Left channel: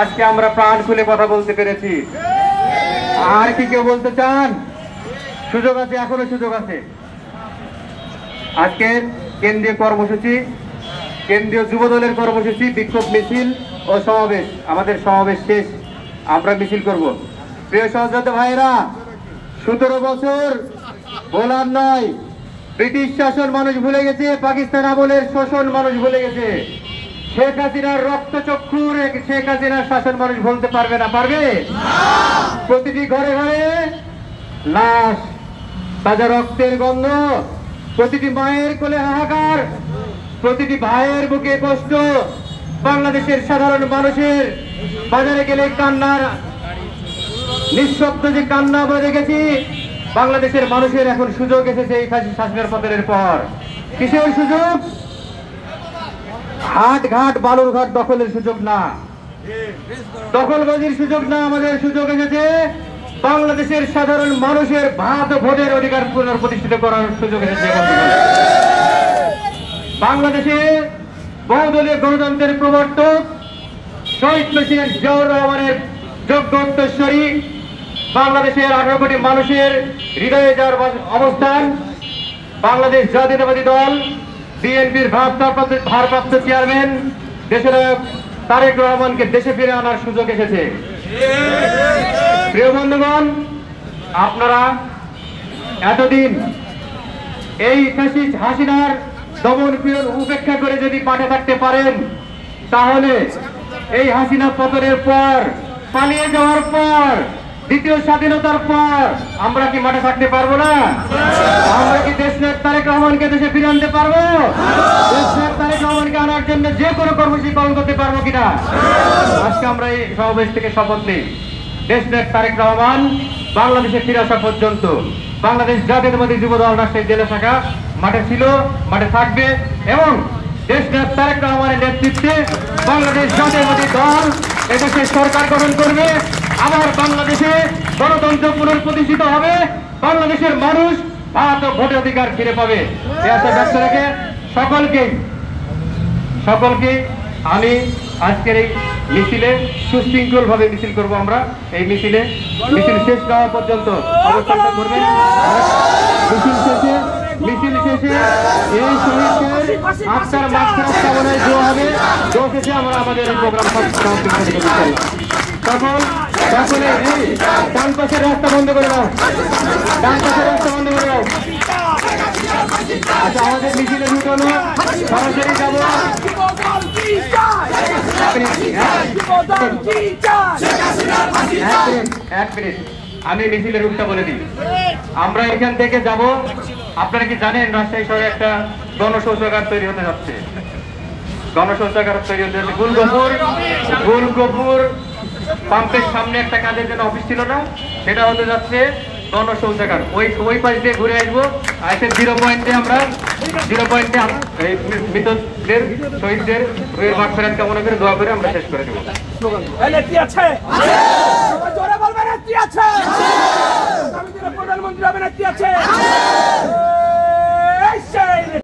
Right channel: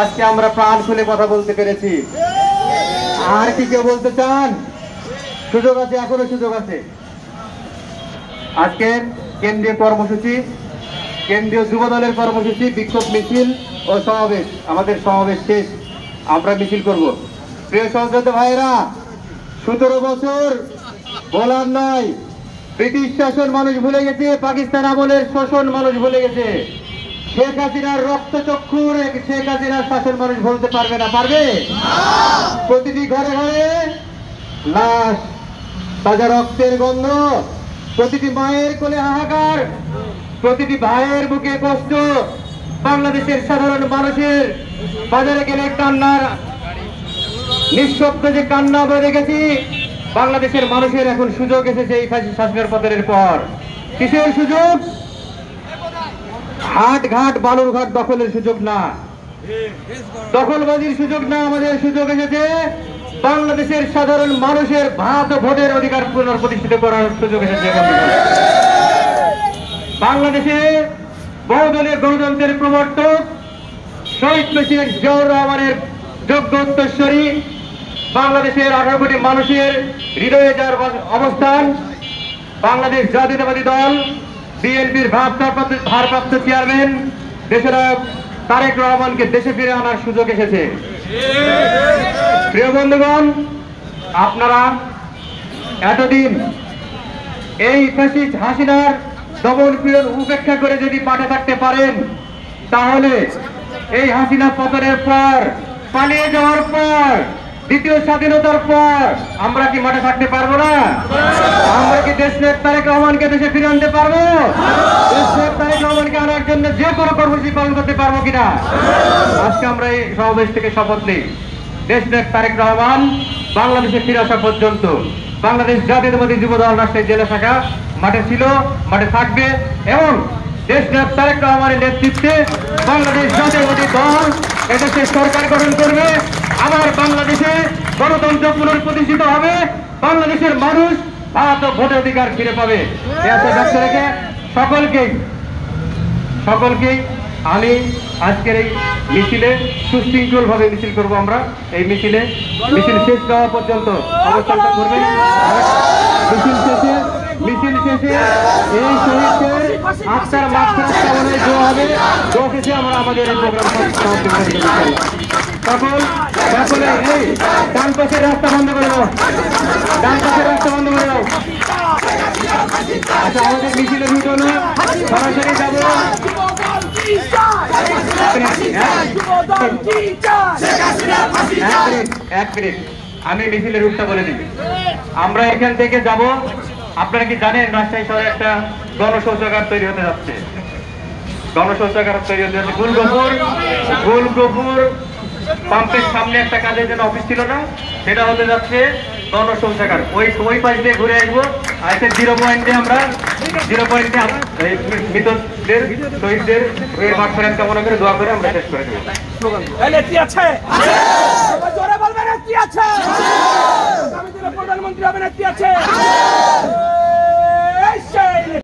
আজকে আমরা প্রাণ খুলে কথা বলতে পেরেছি। আর কি কেউ বলতে চান? সুযোগ আছে, এখনো সুযোগ আছে। আজকের কেন্দ্রীয় কর্মসূচি, কেন্দ্রীয় যুব দলের কর্মসূচি, বিক্ষোভ মিছিল ও সমাবেশ। আমাদের সমাবেশ শেষ, আমরা মিছিল করব। প্রিয় সহযোদ্ধা ভাইয়েরা, 17 বছর বলার নয়, ব্রিটিশ শাসন মানুষ ভুলে গেছে, পাকিস্তান আমলের শোষণ মানুষ ভুলে গেছে, শেখ হাসিনার রক্তচক্ষুর শেখ হাসিনার শাসন মানুষ ভুলতে পারবে না। পারবে? প্রতিটি ঘরে ঘরে লাশ, তাজা রক্তের গন্ধ, প্রতিটি মায়ের কোলে হাহাকার, প্রতিটি ভাইয়ের বুকে কষ্ট। বাংলাদেশের সাধারণ মানুষের বাজারে গেলে কান্নার নিঃশব্দ যে কান্না আমরা দেখেছি। বাংলাদেশের মানুষের এখন সুযোগ এসেছে এই শাসনের পতনের পর। কিসের সুযোগ? হাট ঘাট বালুরঘাট দখলের সুযোগ না, দখলবাজির সুযোগ না। আমাদের সুযোগ এসেছে বাংলাদেশের সাধারণ মানুষের ভাত ও ভোটের অধিকার পুনঃপ্রতিষ্ঠিত করার সুযোগ এসেছে। বাংলাদেশে বহুদলীয় গণতন্ত্রের প্রবর্তক শহীদ প্রেসিডেন্ট জিয়াউর রহমানের যোগ্য উত্তরসূরি, বাংলাদেশের 18 কোটি মানুষের হৃদয়ে যার অবস্থান, বাংলাদেশ জাতীয়তাবাদী দল বিএনপির ভারপ্রাপ্ত চেয়ারম্যান দেশনায়ক তারেক রহমানকে দেশে ফিরে আনার সুযোগ এসেছে। প্রিয় বন্ধুগণ, আপনারা এতদিন এই ফ্যাসিস্ট হাসিনার দমন পীড়ন উপেক্ষা করে যদি পাঠে থাকতে পারেন, তাহলে এই হাসিনা পতনের পর, পালিয়ে যাওয়ার পর, দ্বিতীয় স্বাধীনতার পর আমরা কি মাঠে থাকতে পারবো না? আমরা কি দেশনায়ক তারেক রহমানকে দেশে ফিরে আনতে পারবো? দেশনায়ক তারেক রহমানকে আনার জন্য যে কোনো কর্মসূচি পালন করতে পারবো কিনা? আজকে আমরা এই সমাবেশ থেকে শপথ নিই, দেশনায়ক তারেক রহমান বাংলাদেশে ফিরে আসা পর্যন্ত বাংলাদেশ জাতীয়তাবাদী যুব দল রাজশাহী জেলা শাখা মাঠে ছিল, মাঠে থাকবে এবং দেশনায়ক তারেক রহমানের নেতৃত্বে বাংলাদেশ জাতীয়তাবাদী দল এদেশের সরকার গঠন করবে। আমার বাংলাদেশে গণতন্ত্র পুনঃপ্রতিষ্ঠিত হবে, বাংলাদেশের মানুষ ভাত ও ভোটের অধিকার ফিরে পাবে। সকলকে আমি আজকের এই মিছিলে সুশৃঙ্খল ভাবে মিছিল করবো। আমরা এই মিছিল শেষ হওয়া পর্যন্ত অবস্থান করবে। মিছিল শেষে এই শহীদদের আত্মার মাত্রা কামনায় দোয়া হবে। দোয়া শেষে আমরা আমাদের এই প্রোগ্রাম ডান পাশের রাস্তা বন্ধ করে দাও, ডান পাশের রাস্তা বন্ধ করে দাও। আচ্ছা, আমাদের মিছিলে ঢুকো না, সরাসরি এক মিনিট, আমি মিছিলের রুটটা বলে দিই। আমরা এখান থেকে যাব, আপনারা কি জানেন রাজশাহী শহরে একটা গণশৌচাগার তৈরি হতে যাচ্ছে। গণশৌচাগার তৈরি হতে যাচ্ছে গোলগপুর পাম্পের সামনে একটা কাজের জন্য অফিস ছিল না, সেটা হতে যাচ্ছে গণশৌচাগার। ওই পাশ দিয়ে ঘুরে আসবো। আজকে 0 পয়েন্টে আমরা মৃতদের শহীদদের মাঠ ফেরান কামনা করে দোয়া করে আমরা শেষ করে দেবো। প্রধানমন্ত্রী হবে, নেত্রী আছে।